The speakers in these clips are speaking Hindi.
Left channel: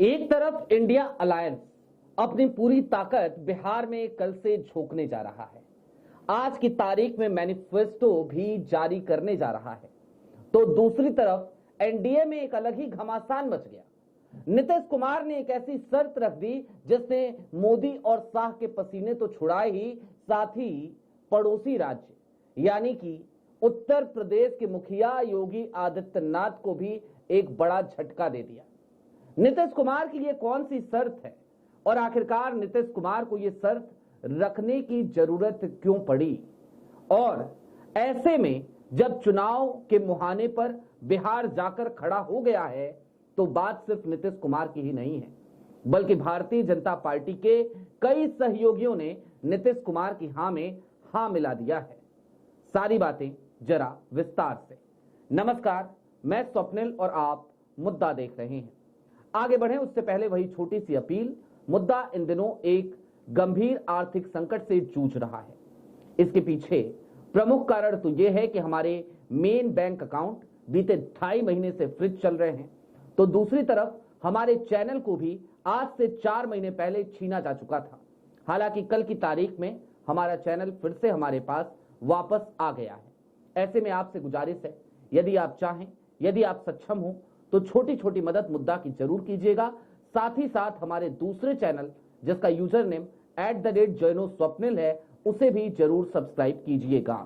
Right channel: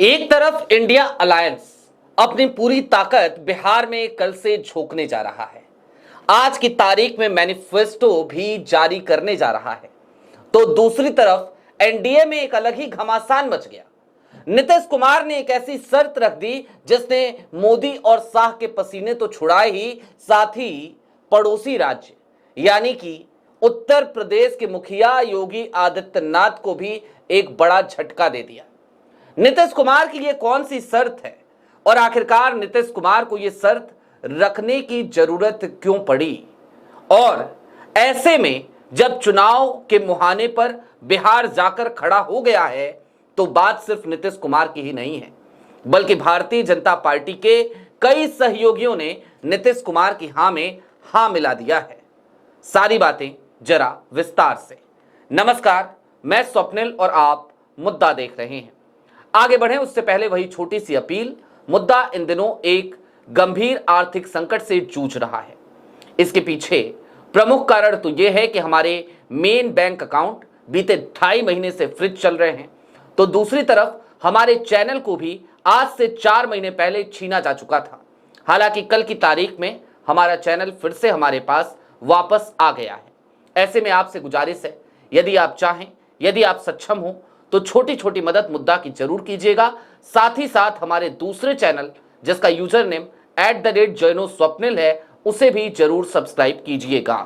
एक तरफ इंडिया अलायंस अपनी पूरी ताकत बिहार में कल से झोंकने जा रहा है। आज की तारीख में मैनिफेस्टो भी जारी करने जा रहा है, तो दूसरी तरफ एनडीए में एक अलग ही घमासान मच गया। नीतीश कुमार ने एक ऐसी शर्त रख दी जिसने मोदी और शाह के पसीने तो छुड़ाए ही, साथ ही पड़ोसी राज्य यानी कि उत्तर प्रदेश के मुखिया योगी आदित्यनाथ को भी एक बड़ा झटका दे दिया। नीतीश कुमार की ये कौन सी शर्त है और आखिरकार नीतीश कुमार को ये शर्त रखने की जरूरत क्यों पड़ी? और ऐसे में जब चुनाव के मुहाने पर बिहार जाकर खड़ा हो गया है, तो बात सिर्फ नीतीश कुमार की ही नहीं है, बल्कि भारतीय जनता पार्टी के कई सहयोगियों ने नीतीश कुमार की हां में हां मिला दिया है। सारी बातें जरा विस्तार से। नमस्कार, मैं स्वप्निल और आप मुद्दा देख रहे हैं। आगे बढ़ें उससे पहले वही छोटी सी अपील। मुद्दा इन दिनों एक गंभीर आर्थिक संकट से जूझ रहा है। इसके पीछे प्रमुख कारण तो यह है कि हमारे मेन बैंक अकाउंट बीते 2.5 महीने से फ्रीज चल रहे हैं, तो दूसरी तरफ हमारे चैनल को भी आज से 4 महीने पहले छीना जा चुका था। हालांकि कल की तारीख में हमारा चैनल फिर से हमारे पास वापस आ गया है। ऐसे में आपसे गुजारिश है, यदि आप चाहें, यदि आप सक्षम हो, तो छोटी छोटी मदद मुद्दा की जरूर कीजिएगा। साथ ही साथ हमारे दूसरे चैनल जिसका यूजर नेम @joinoswapnil है, उसे भी जरूर सब्सक्राइब कीजिएगा।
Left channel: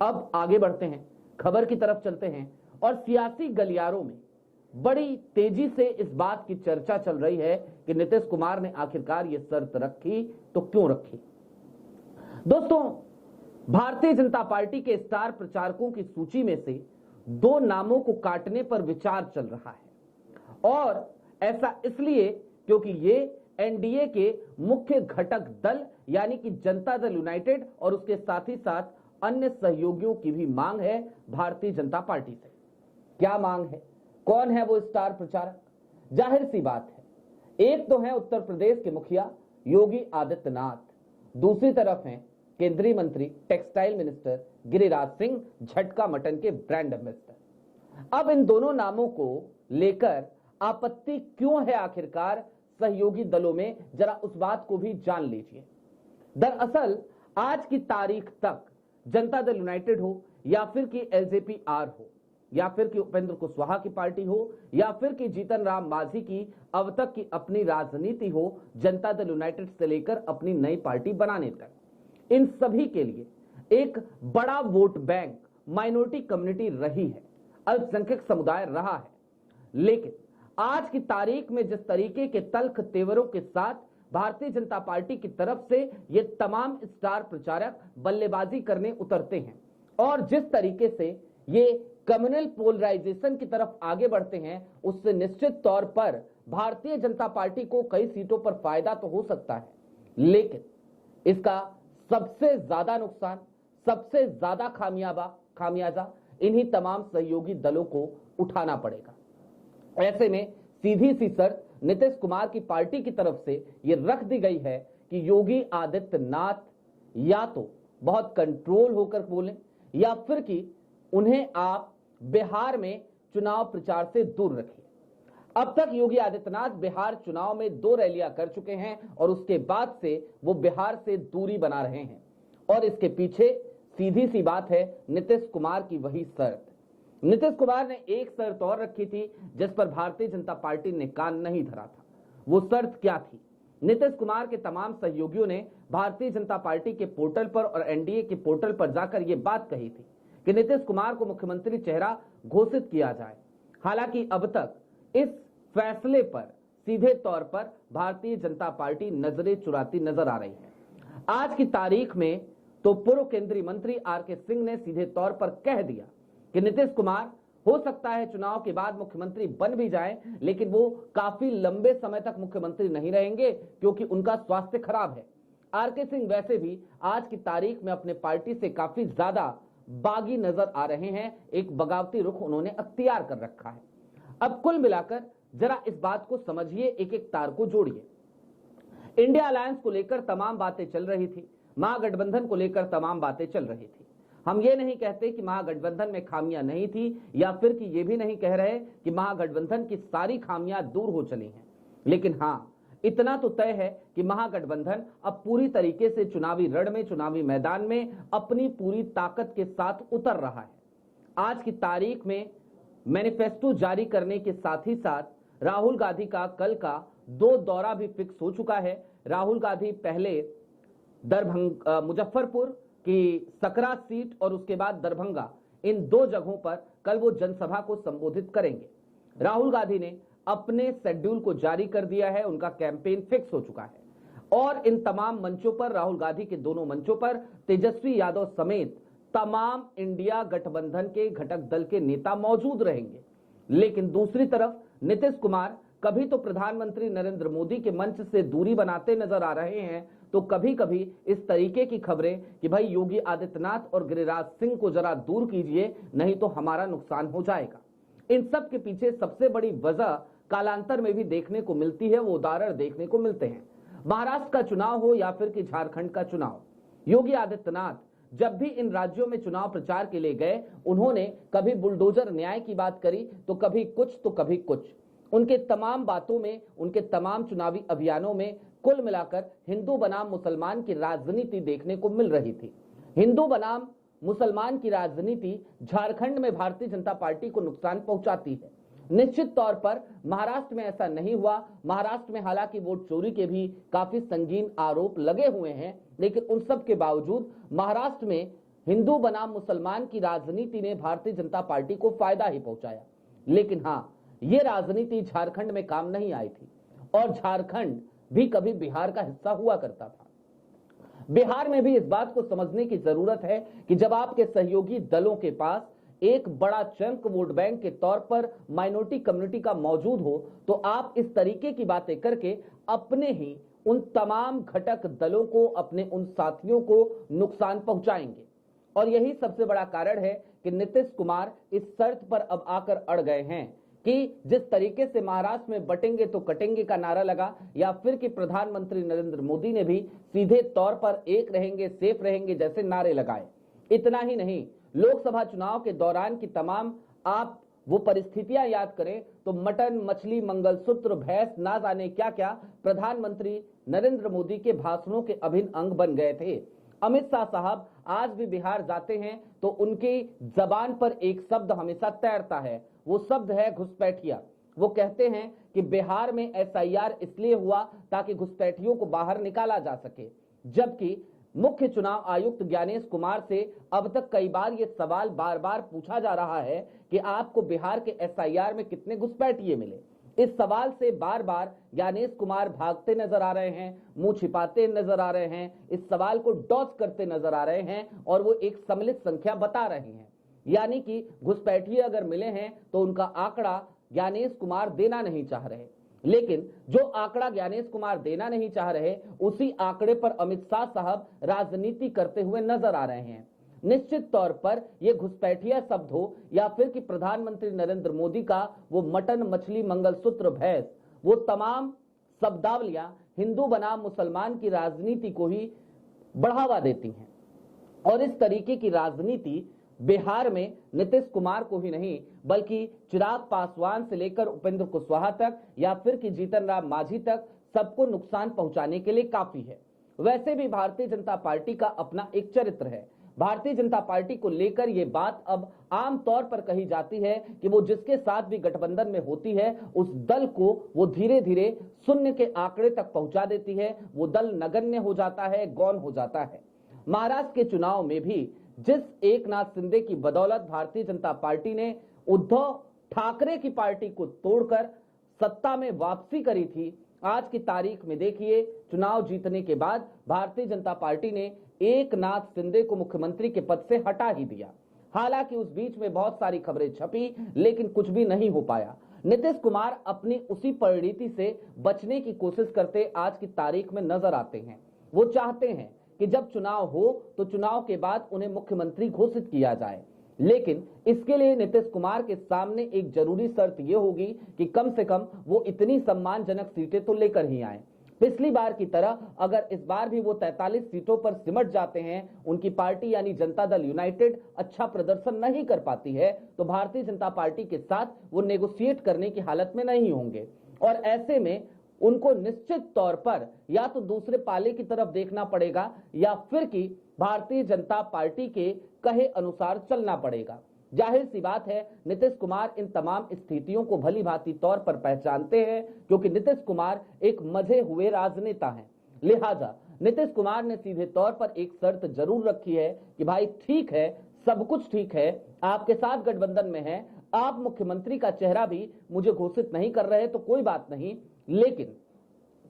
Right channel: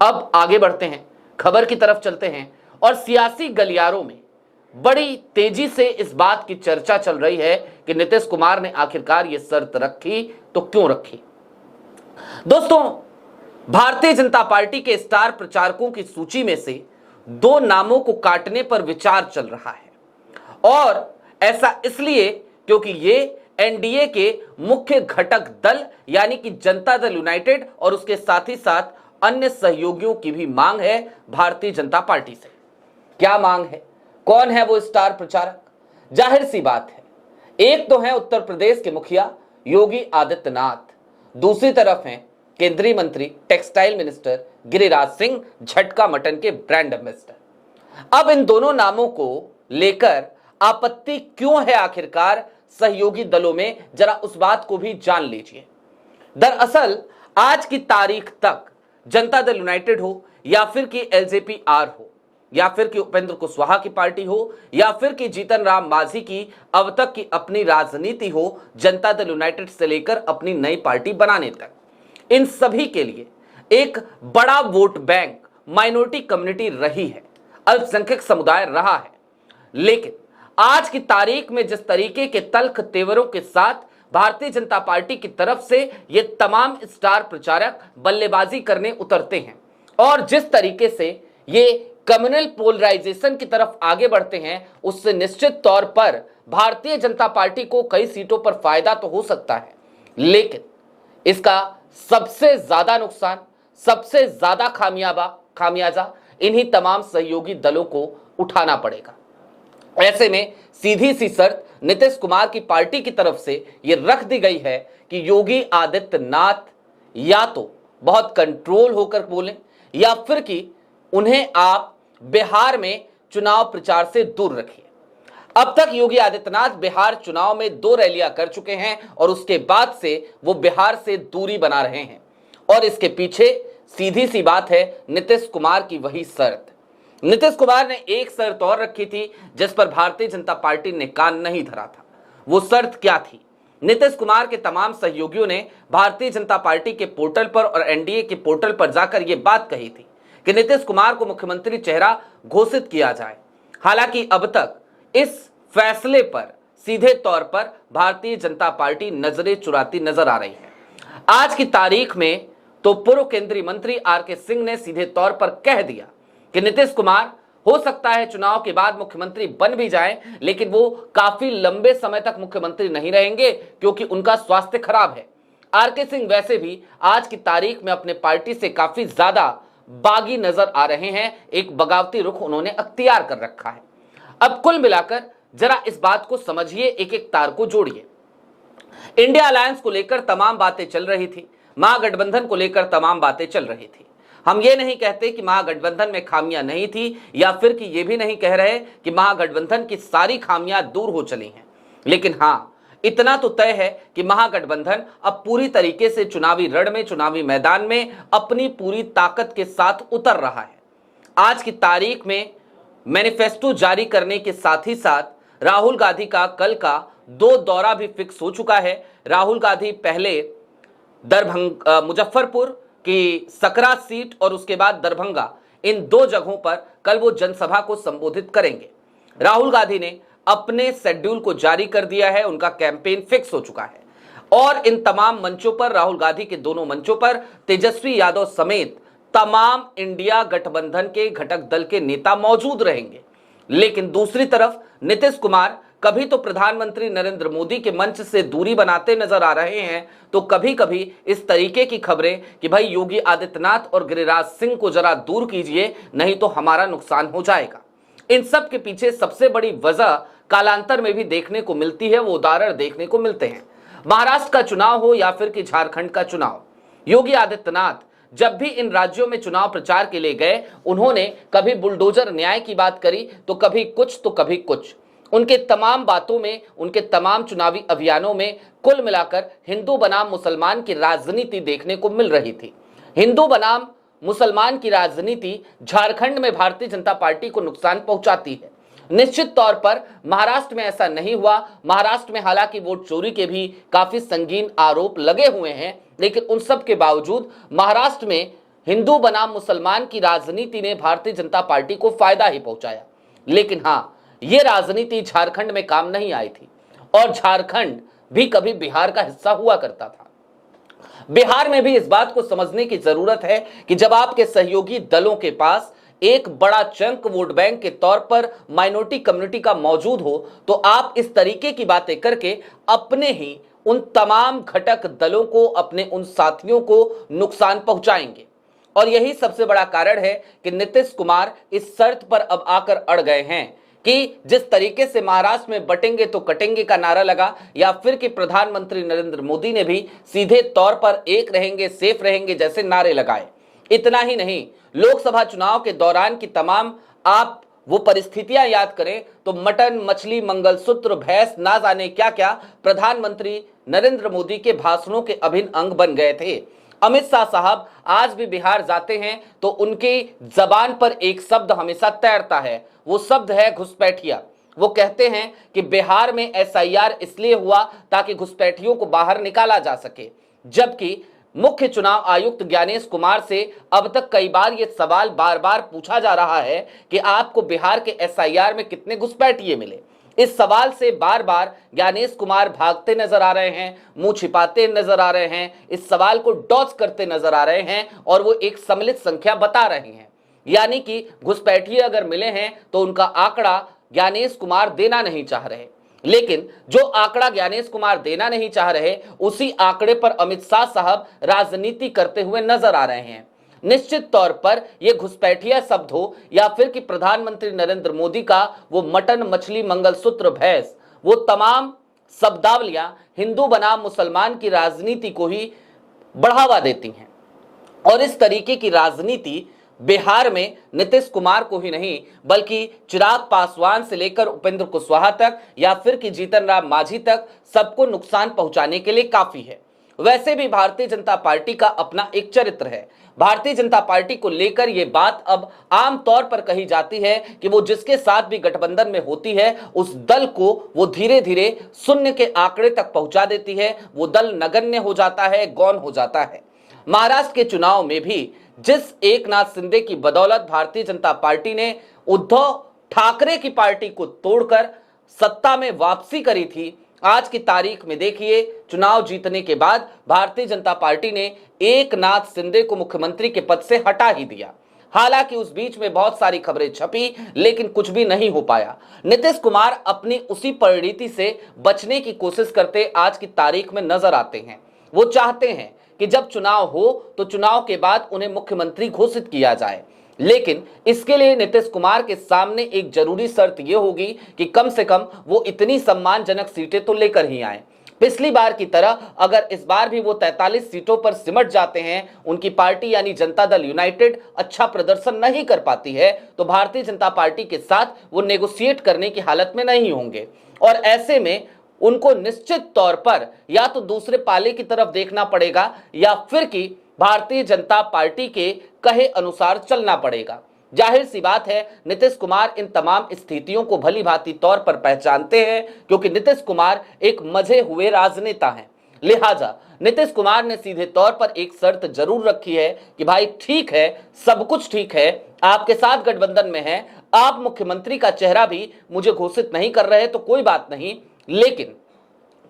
अब आगे बढ़ते हैं, खबर की तरफ चलते हैं। और सियासी गलियारों में बड़ी तेजी से इस बात की चर्चा चल रही है कि नीतीश कुमार ने आखिरकार ये शर्त रखी तो क्यों रखी। दोस्तों, भारतीय जनता पार्टी के स्टार प्रचारकों की सूची में से 2 नामों को काटने पर विचार चल रहा है, और ऐसा इसलिए क्योंकि ये एनडीए के मुख्य घटक दल यानी कि जनता दल यूनाइटेड और उसके साथ ही साथ अन्य सहयोगियों की भी मांग है भारतीय जनता पार्टी से। क्या मांग है? कौन है वो स्टार प्रचारक? जाहिर सी बात है, एक तो है उत्तर प्रदेश के मुखिया योगी आदित्यनाथ, दूसरी तरफ है केंद्रीय मंत्री टेक्सटाइल मिनिस्टर गिरिराज सिंह, झटका मटन के ब्रांड एम्बेसडर। अब इन दोनों नामों को लेकर आपत्ति क्यों है आखिरकार सहयोगी दलों में, जरा उस बात को भी जान लीजिए। दरअसल आज की तारीख तक जनता दल यूनाइटेड हो या फिर कि एलजेपी आर हो या फिर कि उपेंद्र कुशवाहा की पार्टी हो या फिर कि जीतन राम मांझी की अब तक की अपनी राजनीति हो, जनता दल यूनाइटेड से लेकर अपनी नई पार्टी बनाने तक, इन सभी के लिए एक बड़ा वोट बैंक माइनॉरिटी कम्युनिटी रही है, अल्पसंख्यक समुदाय रहा है। लेकिन आज की तारीख में जिस तरीके के तल्ख तेवरों के साथ भारतीय जनता पार्टी की तरफ से ये तमाम स्टार प्रचारक बल्लेबाजी करने उतरते हैं और जिस तरीके से ये कम्युनल पोलराइजेशन की तरफ आगे बढ़ते हैं, उससे निश्चित तौर पर भारतीय जनता पार्टी को कई सीटों पर फायदा तो हो सकता है, लेकिन इसका सबसे ज्यादा नुकसान, सबसे ज्यादा खामियाजा इन्हीं तमाम सहयोगी दलों को उठाना पड़ेगा। ऐसे में सीधी सी शर्त नीतीश कुमार की पार्टी की तरफ से यह रख दी गई है कि योगी आदित्यनाथ या तो बहुत कंट्रोल होकर बोलें या फिर कि उन्हें आप बिहार में चुनाव प्रचार से दूर रखिए। अब तक योगी आदित्यनाथ बिहार चुनाव में 2 रैलियां कर चुके हैं और उसके बाद से वो बिहार से दूरी बना रहे हैं, और इसके पीछे सीधी सी बात है नीतीश कुमार की वही शर्त। नीतीश कुमार ने एक शर्त और रखी थी जिस पर भारतीय जनता पार्टी ने कान नहीं धरा था। वो शर्त क्या थी? नीतीश कुमार के तमाम सहयोगियों ने भारतीय जनता पार्टी के पोर्टल पर और एनडीए के पोर्टल पर जाकर यह बात कही थी कि नीतीश कुमार को मुख्यमंत्री चेहरा घोषित किया जाए। हालांकि अब तक इस फैसले पर सीधे तौर पर भारतीय जनता पार्टी नजरें चुराती नजर आ रही है। आज की तारीख में तो पूर्व केंद्रीय मंत्री आरके सिंह ने सीधे तौर पर कह दिया कि नीतीश कुमार हो सकता है चुनाव के बाद मुख्यमंत्री बन भी जाएं, लेकिन वो काफी लंबे समय तक मुख्यमंत्री नहीं रहेंगे क्योंकि उनका स्वास्थ्य खराब है। आरके सिंह वैसे भी आज की तारीख में अपने पार्टी से काफी ज्यादा बागी नजर आ रहे हैं, एक बगावती रुख उन्होंने अख्तियार कर रखा है। अब कुल मिलाकर जरा इस बात को समझिए, एक एक तार को जोड़िए। इंडिया अलायंस को लेकर तमाम बातें चल रही थी, महागठबंधन को लेकर तमाम बातें चल रही थी। हम ये नहीं कहते कि महागठबंधन में खामियां नहीं थी, या फिर कि ये भी नहीं कह रहे कि महागठबंधन की सारी खामियां दूर हो चली हैं। लेकिन हां, इतना तो तय है कि महागठबंधन अब पूरी तरीके से चुनावी रण में, चुनावी मैदान में अपनी पूरी ताकत के साथ उतर रहा है। आज की तारीख में मैनिफेस्टो जारी करने के साथ ही साथ राहुल गांधी का कल का 2 दौरा भी फिक्स हो चुका है। राहुल गांधी पहले मुजफ्फरपुर की सकरा सीट और उसके बाद दरभंगा, इन 2 जगहों पर कल वो जनसभा को संबोधित करेंगे। राहुल गांधी ने अपने शेड्यूल को जारी कर दिया है, उनका कैंपेन फिक्स हो चुका है और इन तमाम मंचों पर, राहुल गांधी के दोनों मंचों पर तेजस्वी यादव समेत तमाम इंडिया गठबंधन के घटक दल के नेता मौजूद रहेंगे। लेकिन दूसरी तरफ नीतीश कुमार कभी तो प्रधानमंत्री नरेंद्र मोदी के मंच से दूरी बनाते नजर आ रहे हैं, तो कभी कभी इस तरीके की खबरें कि भाई योगी आदित्यनाथ और गिरिराज सिंह को जरा दूर कीजिए, नहीं तो हमारा नुकसान हो जाएगा। इन सब के पीछे सबसे बड़ी वजह कालांतर में भी देखने को मिलती है, वो उदाहरण देखने को मिलते हैं। महाराष्ट्र का चुनाव हो या फिर कि झारखंड का चुनाव, योगी आदित्यनाथ जब भी इन राज्यों में चुनाव प्रचार के लिए गए, उन्होंने कभी बुलडोजर न्याय की बात करी तो कभी कुछ तो कभी कुछ। उनके तमाम बातों में, उनके तमाम चुनावी अभियानों में कुल मिलाकर हिंदू बनाम मुसलमान की राजनीति देखने को मिल रही थी। हिंदू बनाम मुसलमान की राजनीति झारखंड में भारतीय जनता पार्टी को नुकसान पहुंचाती है। निश्चित तौर पर महाराष्ट्र में ऐसा नहीं हुआ। महाराष्ट्र में हालांकि वोट चोरी के भी काफी संगीन आरोप लगे हुए हैं, लेकिन उन सब के बावजूद महाराष्ट्र में हिंदू बनाम मुसलमान की राजनीति ने भारतीय जनता पार्टी को फायदा ही पहुंचाया। लेकिन हां, यह राजनीति झारखंड में काम नहीं आई थी और झारखंड भी कभी बिहार का हिस्सा हुआ करता था। बिहार में भी इस बात को समझने की जरूरत है कि जब आपके सहयोगी दलों के पास एक बड़ा चंक वोट बैंक के तौर पर माइनॉरिटी कम्युनिटी का मौजूद हो, तो आप इस तरीके की बातें करके अपने ही उन तमाम घटक दलों को, अपने उन साथियों को नुकसान पहुंचाएंगे। और यही सबसे बड़ा कारण है कि नीतीश कुमार इस शर्त पर अब आकर अड़ गए हैं कि जिस तरीके से महाराष्ट्र में बटेंगे तो कटेंगे का नारा लगा, या फिर कि प्रधानमंत्री नरेंद्र मोदी ने भी सीधे तौर पर एक रहेंगे सेफ रहेंगे जैसे नारे लगाए। इतना ही नहीं, लोकसभा चुनाव के दौरान की तमाम आप वो परिस्थितियां याद करें तो मटन, मछली, मंगलसूत्र, भैंस, ना जाने क्या क्या प्रधानमंत्री नरेंद्र मोदी के भाषणों के अभिन्न अंग बन गए थे। अमित शाह साहब आज भी बिहार जाते हैं तो उनकी जबान पर एक शब्द हमेशा तैरता है, वो शब्द है घुसपैठिया। वो कहते हैं कि बिहार में एसआईआर इसलिए हुआ ताकि घुसपैठियों को बाहर निकाला जा सके, जबकि मुख्य चुनाव आयुक्त ज्ञानेश कुमार से अब तक कई बार यह सवाल बार बार पूछा जा रहा है कि आपको बिहार के एसआईआर में कितने घुसपैठिए मिले। इस सवाल से बार बार ज्ञानेश कुमार भागते नजर आ रहे हैं, मुंह छिपाते नजर आ रहे हैं, इस सवाल को डॉज करते नजर आ रहे हैं और वो एक सम्मिलित संख्या बता रहे हैं। यानी कि घुसपैठिए अगर मिले हैं तो उनका आंकड़ा ज्ञानेश कुमार देना नहीं चाह रहे, लेकिन जो आंकड़ा ज्ञानेश कुमार देना नहीं चाह रहे, उसी आंकड़े पर अमित शाह साहब राजनीति करते हुए नजर आ रहे हैं। निश्चित तौर पर यह घुसपैठिया शब्द हो या फिर कि प्रधानमंत्री नरेंद्र मोदी का वो मटन, मछली, मंगलसूत्र, भैंस, वो तमाम शब्दावलियां हिंदू बनाम मुसलमान की राजनीति को ही बढ़ावा देती हैं। और इस तरीके की राजनीति बिहार में नीतीश कुमार को ही नहीं बल्कि चिराग पासवान से लेकर उपेंद्र कुशवाहा तक या फिर कि जीतन राम मांझी तक सबको नुकसान पहुंचाने के लिए काफी है। वैसे भी भारतीय जनता पार्टी का अपना एक चरित्र है। भारतीय जनता पार्टी को लेकर यह बात अब आम तौर पर कही जाती है कि वो जिसके साथ भी गठबंधन में होती है उस दल को वो धीरे धीरे शून्य के आंकड़े तक पहुंचा देती है, वो दल नगण्य हो जाता है, गौण हो जाता है। महाराष्ट्र के चुनाव में भी जिस एकनाथ शिंदे की बदौलत भारतीय जनता पार्टी ने उद्धव ठाकरे की पार्टी को तोड़कर सत्ता में वापसी करी थी, आज की तारीख में देखिए चुनाव जीतने के बाद भारतीय जनता पार्टी ने एकनाथ शिंदे को मुख्यमंत्री के पद से हटा ही दिया। हालांकि उस बीच में बहुत सारी खबरें छपी, लेकिन कुछ भी नहीं हो पाया। नीतीश कुमार अपनी उसी परिणति से बचने की कोशिश करते आज की तारीख में नजर आते हैं। वो चाहते हैं कि जब चुनाव हो तो चुनाव के बाद उन्हें मुख्यमंत्री घोषित किया जाए, लेकिन इसके लिए नीतीश कुमार के सामने एक जरूरी शर्त यह होगी कि कम से कम वो इतनी सम्मानजनक सीटें तो लेकर ही आए। पिछली बार की तरह अगर इस बार भी वो 43 सीटों पर सिमट जाते हैं, उनकी पार्टी यानी जनता दल यूनाइटेड अच्छा प्रदर्शन नहीं कर पाती है, तो भारतीय जनता पार्टी के साथ वो नेगोशिएट करने की हालत में नहीं होंगे और ऐसे में उनको निश्चित तौर पर या तो दूसरे पाले की तरफ देखना पड़ेगा या फिर कि भारतीय जनता पार्टी के कहे अनुसार चलना पड़ेगा। जाहिर सी बात है, नीतीश कुमार इन तमाम स्थितियों को भली भांति तौर पर पहचानते हैं, क्योंकि नीतीश कुमार एक मजे हुए राजनेता हैं। लिहाजा नीतीश कुमार ने सीधे तौर पर एक शर्त जरूर रखी है कि भाई ठीक है, सब कुछ ठीक है, आपके साथ गठबंधन में है, आप मुख्यमंत्री का चेहरा भी मुझे घोषित नहीं कर रहे तो कोई बात नहीं, लेकिन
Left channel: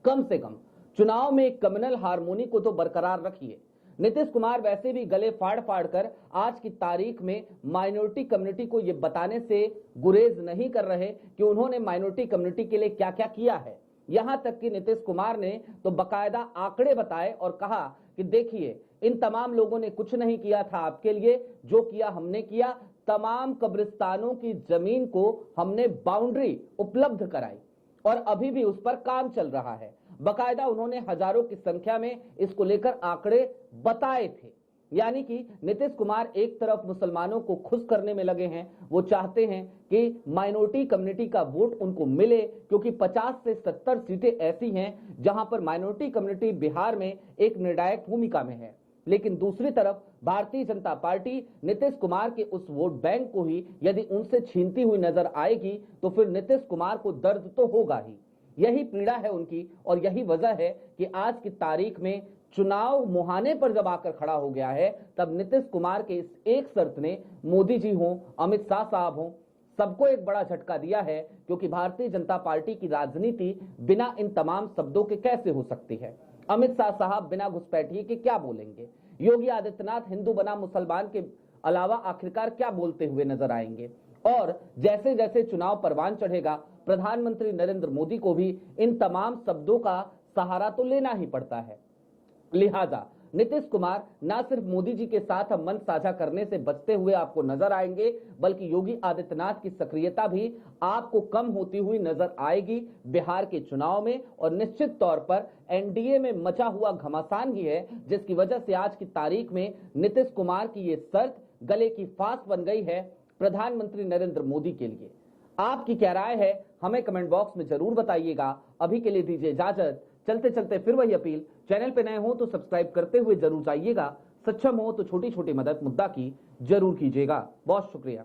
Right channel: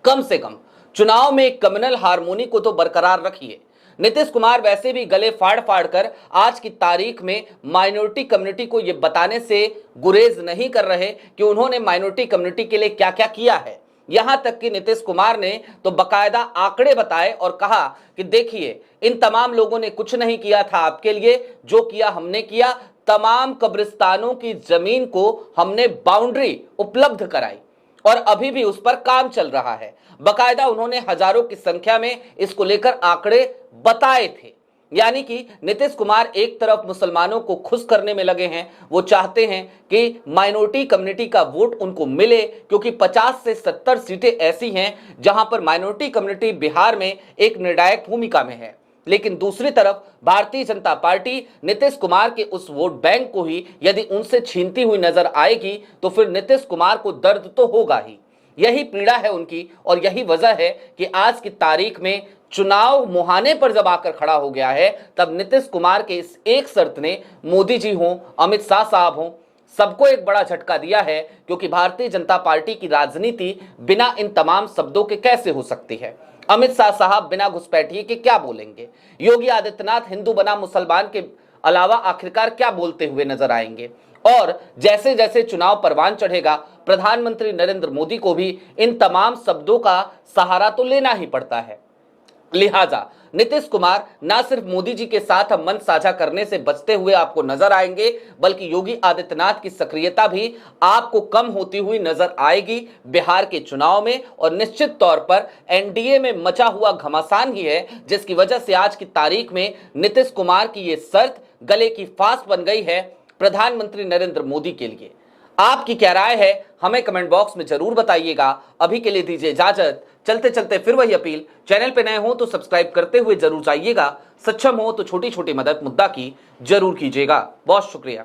कम से कम चुनाव में एक कम्युनल हार्मोनी को तो बरकरार रखिए। नीतीश कुमार वैसे भी गले फाड़ फाड़ कर आज की तारीख में माइनॉरिटी कम्युनिटी को यह बताने से गुरेज नहीं कर रहे कि उन्होंने माइनॉरिटी कम्युनिटी के लिए क्या क्या किया है। यहां तक कि नीतीश कुमार ने तो बकायदा आंकड़े बताए और कहा कि देखिए, इन तमाम लोगों ने कुछ नहीं किया था आपके लिए, जो किया हमने किया, तमाम कब्रिस्तानों की जमीन को हमने बाउंड्री उपलब्ध कराई और अभी भी उस पर काम चल रहा है। बकायदा उन्होंने हजारों की संख्या में इसको लेकर आंकड़े बताए थे। यानी कि नीतीश कुमार एक तरफ मुसलमानों को खुश करने में लगे हैं, वो चाहते हैं कि माइनॉरिटी कम्युनिटी का वोट उनको मिले, क्योंकि 50 से 70 सीटें ऐसी हैं जहां पर माइनॉरिटी कम्युनिटी बिहार में एक निर्णायक भूमिका में है। लेकिन दूसरी तरफ भारतीय जनता पार्टी नीतीश कुमार के उस वोट बैंक को ही यदि उनसे छीनती हुई नजर आएगी तो फिर नीतीश कुमार को दर्द तो होगा ही। यही पीड़ा है उनकी और यही वजह है कि आज की तारीख में चुनाव मुहाने पर जब आकर खड़ा हो गया है, तब नीतीश कुमार के इस एक शर्त ने मोदी जी हों, अमित शाह साहब हों, सबको एक बड़ा झटका दिया है, क्योंकि भारतीय जनता पार्टी की राजनीति बिना इन तमाम शब्दों के कैसे हो सकती है। अमित शाह साहब बिना घुसपैठिए के क्या बोलेंगे? योगी आदित्यनाथ हिंदू बना मुसलमान के अलावा आखिरकार क्या बोलते हुए नजर आएंगे? और जैसे जैसे चुनाव परवान चढ़ेगा, प्रधानमंत्री नरेंद्र मोदी को भी इन तमाम शब्दों का सहारा तो लेना ही पड़ता है। लिहाजा नीतीश कुमार ना सिर्फ मोदी जी के साथ मन साझा करने से बचते हुए आपको नजर आएंगे, बल्कि योगी आदित्यनाथ की सक्रियता भी आपको कम होती हुई नजर आएगी बिहार के चुनाव में। और निश्चित तौर पर एनडीए में मचा हुआ घमासान ही है जिसकी वजह से आज की तारीख में नीतीश कुमार की यह शर्त गले की फांस बन गई है प्रधानमंत्री नरेंद्र मोदी के लिए। आपकी क्या राय है, हमें कमेंट बॉक्स में जरूर बताइएगा। अभी के लिए दीजिए इजाजत। चलते चलते फिर वही अपील, चैनल पे नए हो तो सब्सक्राइब करते हुए जरूर जाइएगा, सक्षम हो तो छोटी छोटी मदद मुद्दा की जरूर कीजिएगा। बहुत शुक्रिया।